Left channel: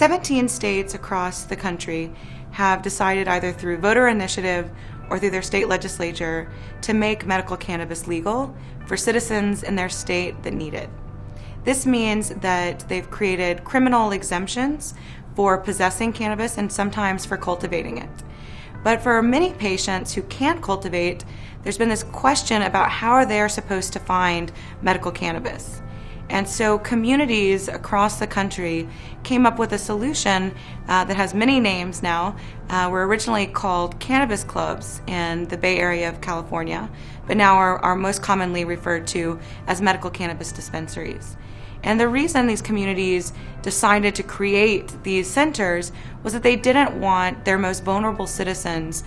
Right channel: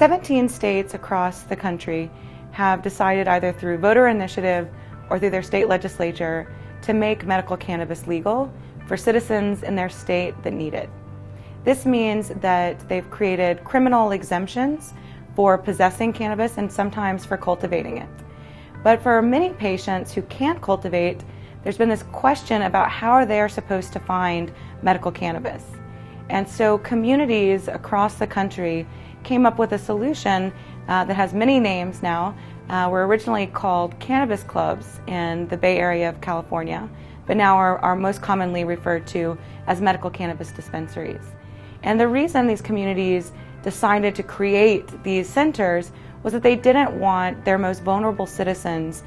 17 states across the country have decided, either through voter initiative or through their state legislature, to make medical cannabis legal for citizens in their state that need it. This means that they've created criminal exemptions for possessing cannabis and sometimes for cultivating it. But for many patients who can't cultivate, there's been this question about how they're supposed to find medical cannabis. And so communities across the country came up with a solution that has many names now. Were originally called cannabis clubs in the Bay Area of California, but now are most commonly referred to as medical cannabis dispensaries. And the reason these communities decided to create these centers was that they didn't want their most vulnerable citizens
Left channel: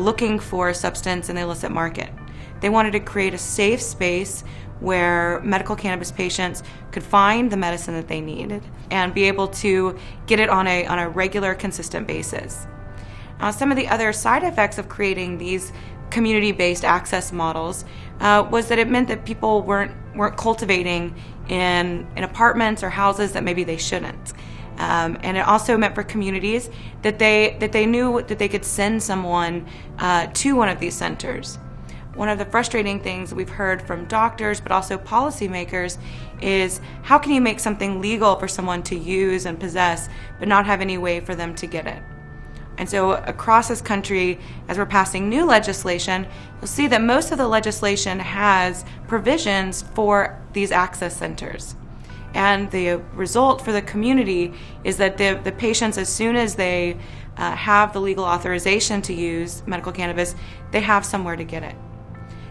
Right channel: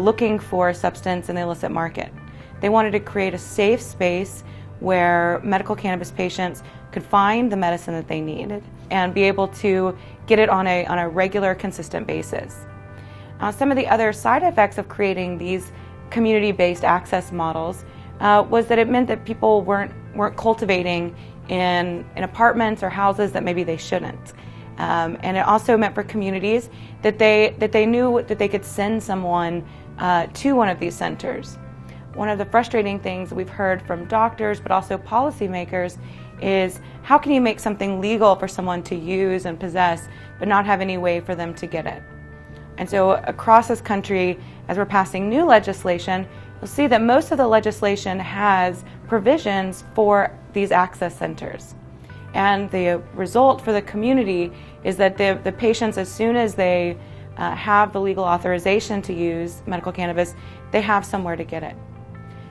looking for a substance in the illicit market. They wanted to create a safe space where medical cannabis patients could find the medicine that they needed and be able to get it on a regular, consistent basis. Some of the other side effects of creating these community-based access models was that it meant that people weren't cultivating in apartments or houses that maybe they shouldn't. And it also meant for communities that they knew that they could send someone to one of these centers. One of the frustrating things that we've heard from doctors, but also policymakers, is how can you make something legal for someone to use and possess, but not have any way for them to get it? And so across this country, as we're passing new legislation, you'll see that most of the legislation has provisions for these access centers. And the result for the community is that the patients, as soon as they have the legal authorization to use medical cannabis, they have somewhere to get it.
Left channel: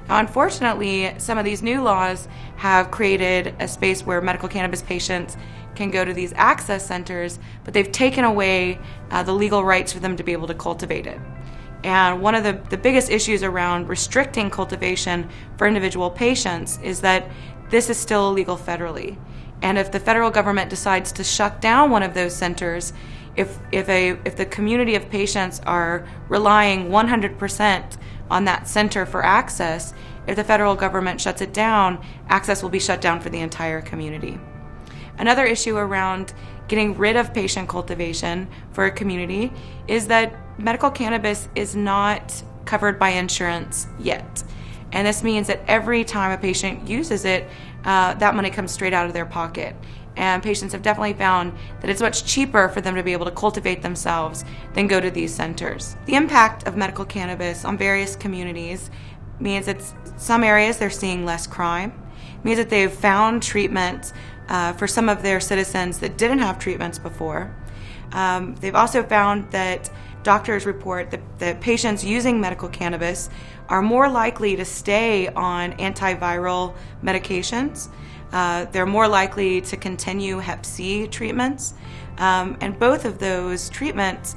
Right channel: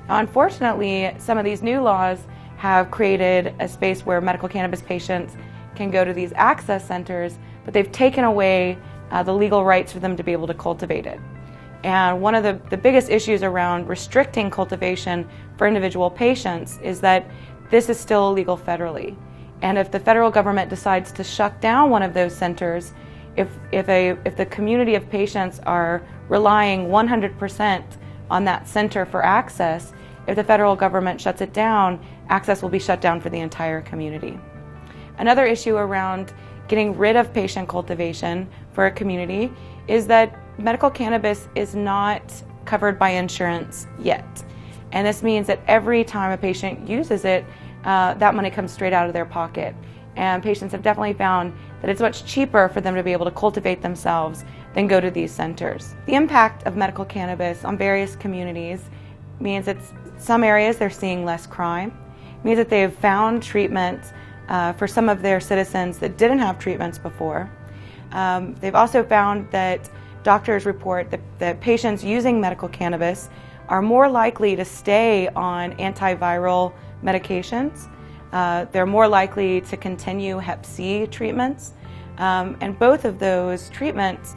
Now, unfortunately, some of these new laws have created a space where medical cannabis patients can go to these access centers, but they've taken away the legal rights for them to be able to cultivate it. And one of the biggest issues around restricting cultivation for individual patients is that this is still illegal federally. And if the federal government decides to shut down one of those centers, if the community of patients are relying 100% on that center for access, if the federal government shuts it down, access will be shut down for the entire community. Another issue around getting rid of patient cultivation for a community is that medical cannabis is not covered by insurance yet. And this means that every time a patient uses it, that money comes straight out of their pocket. And patients have definitely found that it's much cheaper for them to be able to cultivate themselves than go to these centers. The impact of medical cannabis on various communities means that some areas they're seeing less crime. It means that they've found treatment for some of their citizens that didn't have treatments before. They've also found that doctors report that patients using medical cannabis are more likely to stay on antiviral medications. They're more likely to continue Hep C treatments. And both of those treatments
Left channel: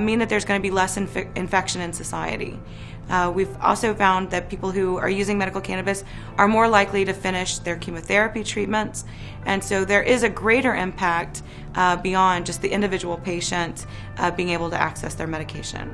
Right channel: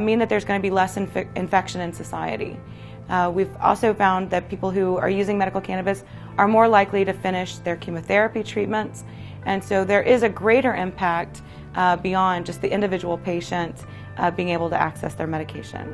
mean that there's going to be less infection in society. We've also found that people who are using medical cannabis are more likely to finish their chemotherapy treatments. And so there is a greater impact beyond just the individual patient being able to access their medication.